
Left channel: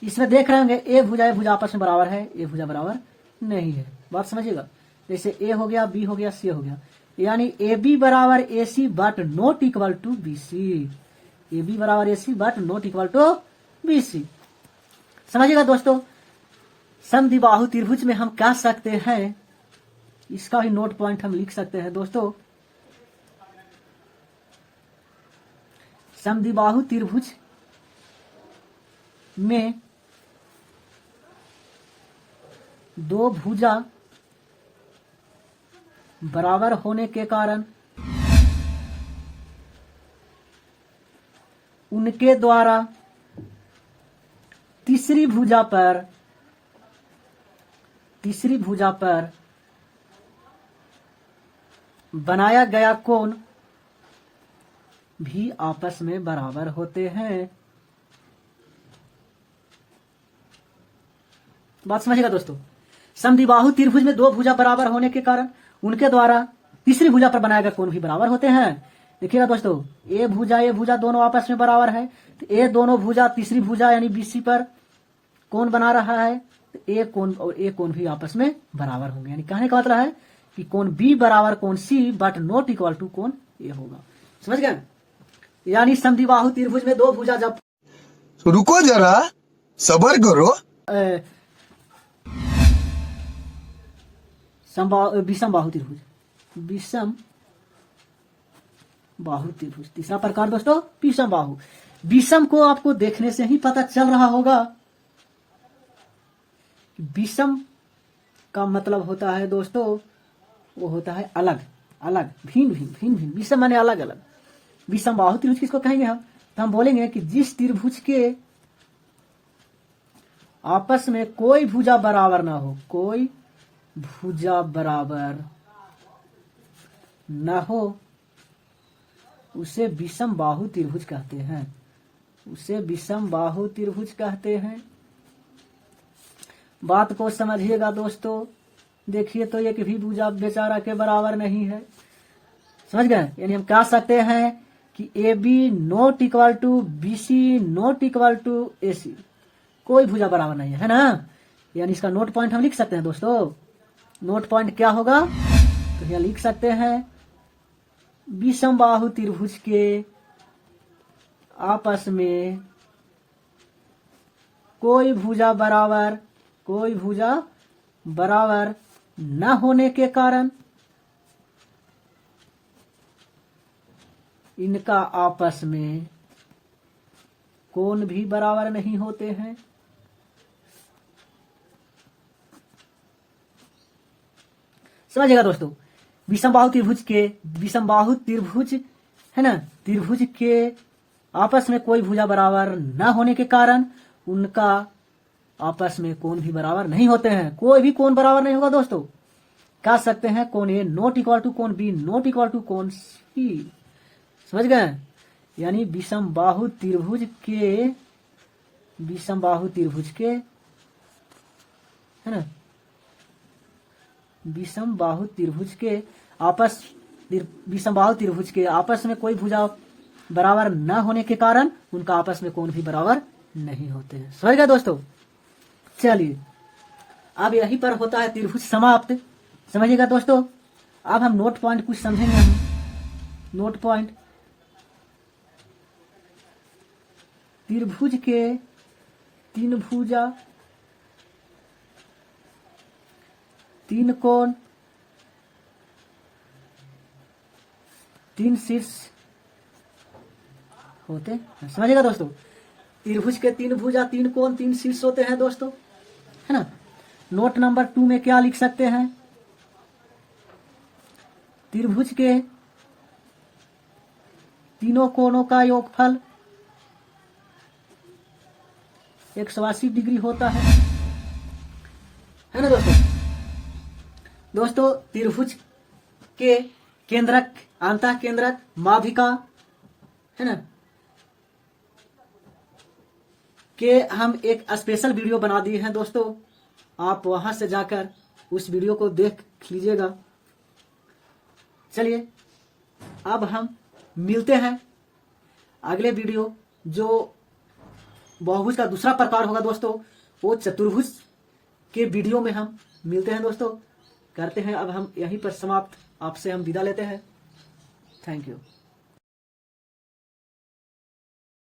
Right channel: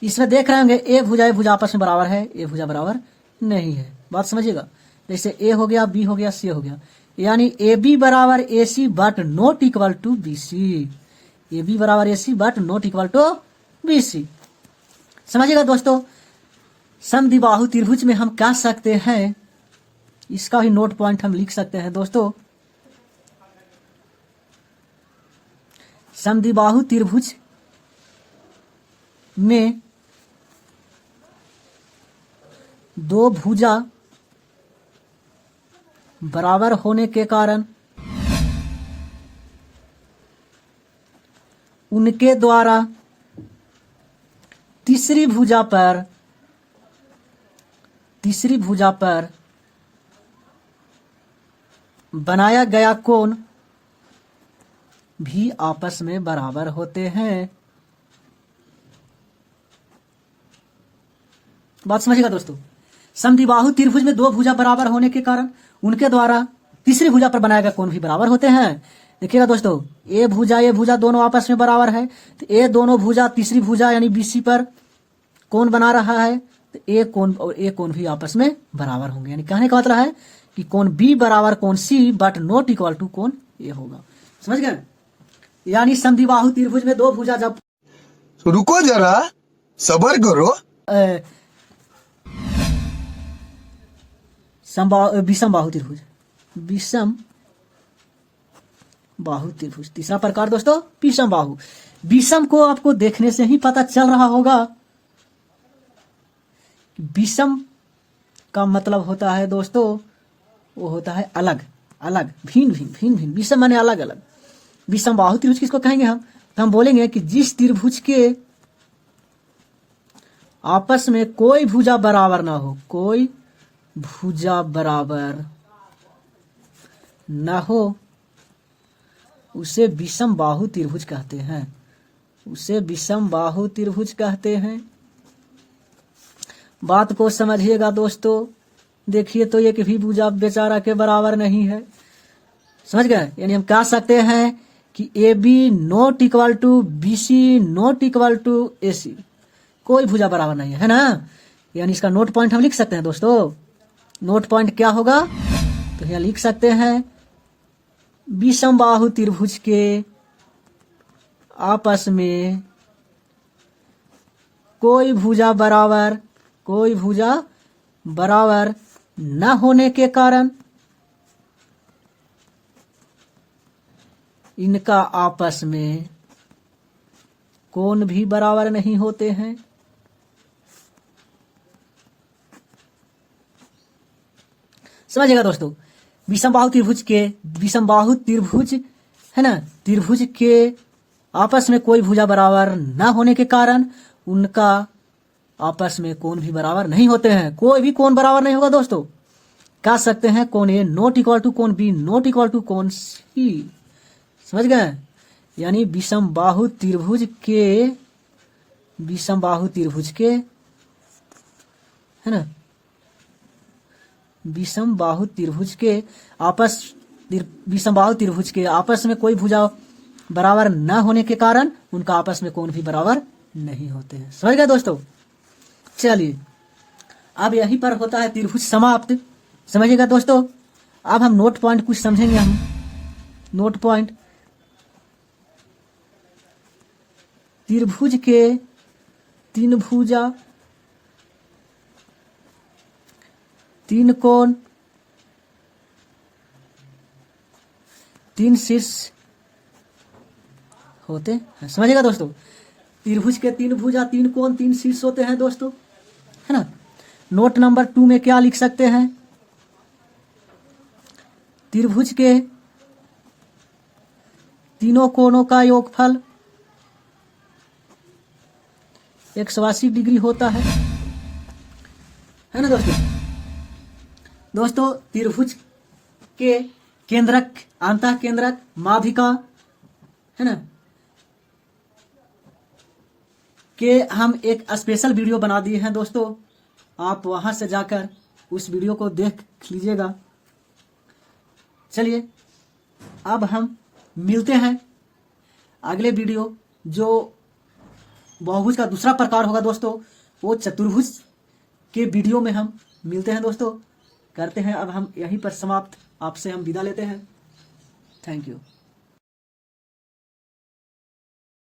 इसमें देख रहे होंगे ए भुजा आपस में बराबर है, ए भुजा बराबर नहीं है। बात समझिएगा। जैसे ए हो गया, बी हो गया, सी हो गया। यानी ए बी बराबर A C but not equal to B C. A B बराबर A C but not equal to B C. समझिएगा दोस्तों। समद्विबाहु त्रिभुज में हम कह सकते हैं, इसका भी नोट पॉइंट हम लिख सकते हैं दोस्तों। समद्विबाहु त्रिभुज में दो भुजा बराबर होने के कारण उनके द्वारा तीसरी भुजा पर बनाया गया कोण भी आपस में बराबर होते हैं। बात समझिएगा दोस्तों। समद्विबाहु त्रिभुज में दो भुजा बराबर होने के कारण उनके द्वारा तीसरी भुजा पर बनाए गए कोण भी बराबर होते हैं। देखिएगा दोस्तों, ए भुजा दोनों आपस में बराबर है, तो ए दोनों भुजा तीसरी भुजा यानी बीसी पर कोण बना रहा है, तो ए कोण और ए कोण भी आपस में बराबर होंगे। यानी कहने का मतलब है कि कोण बी बराबर कोण सी बट नॉट इक्वल टू कोण ए होगा। समझ गए। यानी समद्विबाहु त्रिभुज में दो भुजा जब रुको जरा, सबर करो। विषम बाहु त्रिभुज, विषम बाहु त्रिभुज। तीसरा प्रकार दोस्तों विषम बाहु। विषम को आपको देखने से ही पता चल रहा होगा। विषम का मतलब होता है दोस्तों, वो होता है अलग अलग, भिन्न भिन्न भिन्न भिन्न। विषम माने अलग अलग। विषम बाहु त्रिभुज किसको कहेंगे हम? तो हम बोलेंगे कि जिस त्रिभुज के आपस में कोई भुजा बराबर ना हो, कोई भुजा बराबर न हो, उसे विषम बाहु त्रिभुज कहते हैं। उसे विषम बाहु त्रिभुज कहते हैं। बात को समझिएगा दोस्तों। देखिए तो एक भी भुजा बेचारा के बराबर नहीं है, समझ गए? यानी हम कह सकते हैं कि A B not equal to B C not equal to A C. कोई भुजा बराबर नहीं है ना? यानी इसका नोट पॉइंट हम लिख सकते हैं दोस्तों। नोट पॉइंट क्या होगा? तो यहाँ लिख सकते हैं विषम बाहु त्रिभुज के आपस में कोई भुजा बराबर न होने के कारण इनका आपस में कोण भी बराबर नहीं होते हैं। समझिएगा दोस्तों। विषम बाहु त्रिभुज है ना, त्रिभुज के आपस में कोई भुजा बराबर न होने के कारण उनका आपस में कोण भी बराबर नहीं होते हैं। कोई भी कोण बराबर नहीं होगा दोस्तों। कह सकते हैं कोण ए नॉट इक्वल टू कोण बी नॉट इक्वल टू कोण सी। समझ गए? यानी विषम बाहु त्रिभुज के है ना, विषम बाहु त्रिभुज के आपस में कोई भुजा बराबर न होने के कारण उनका आपस में कोण भी बराबर नहीं होते हैं। समझ गए दोस्तों? चलिए अब यहीं पर होता है त्रिभुज समाप्त। समझिएगा दोस्तों। अब हम नोट पॉइंट कुछ समझेंगे। हम नोट पॉइंट, त्रिभुज के तीन भुजा, तीन कोण, तीन शीर्ष होते हैं। समझिएगा दोस्तों। त्रिभुज के तीन भुजा, तीन कोण, तीन शीर्ष होते हैं दोस्तों, है ना। नोट नंबर 2 में क्या लिख सकते हैं? त्रिभुज के तीनों कोणों का योगफल 180 डिग्री होता है ना दोस्तों। दोस्तों त्रिभुज के केंद्रक, अंतः केंद्रक, माध्यिका है ना के हम एक स्पेशल वीडियो बना दिए हैं दोस्तों। आप वहां से जाकर उस वीडियो को देख लीजिएगा। चलिए अब हम मिलते हैं अगले वीडियो, जो बहुभुज का दूसरा प्रकार होगा दोस्तों, वो चतुर्भुज के वीडियो में हम मिलते हैं दोस्तों। करते हैं अब हम यहीं पर समाप्त। आपसे हम विदा लेते हैं। Thank you.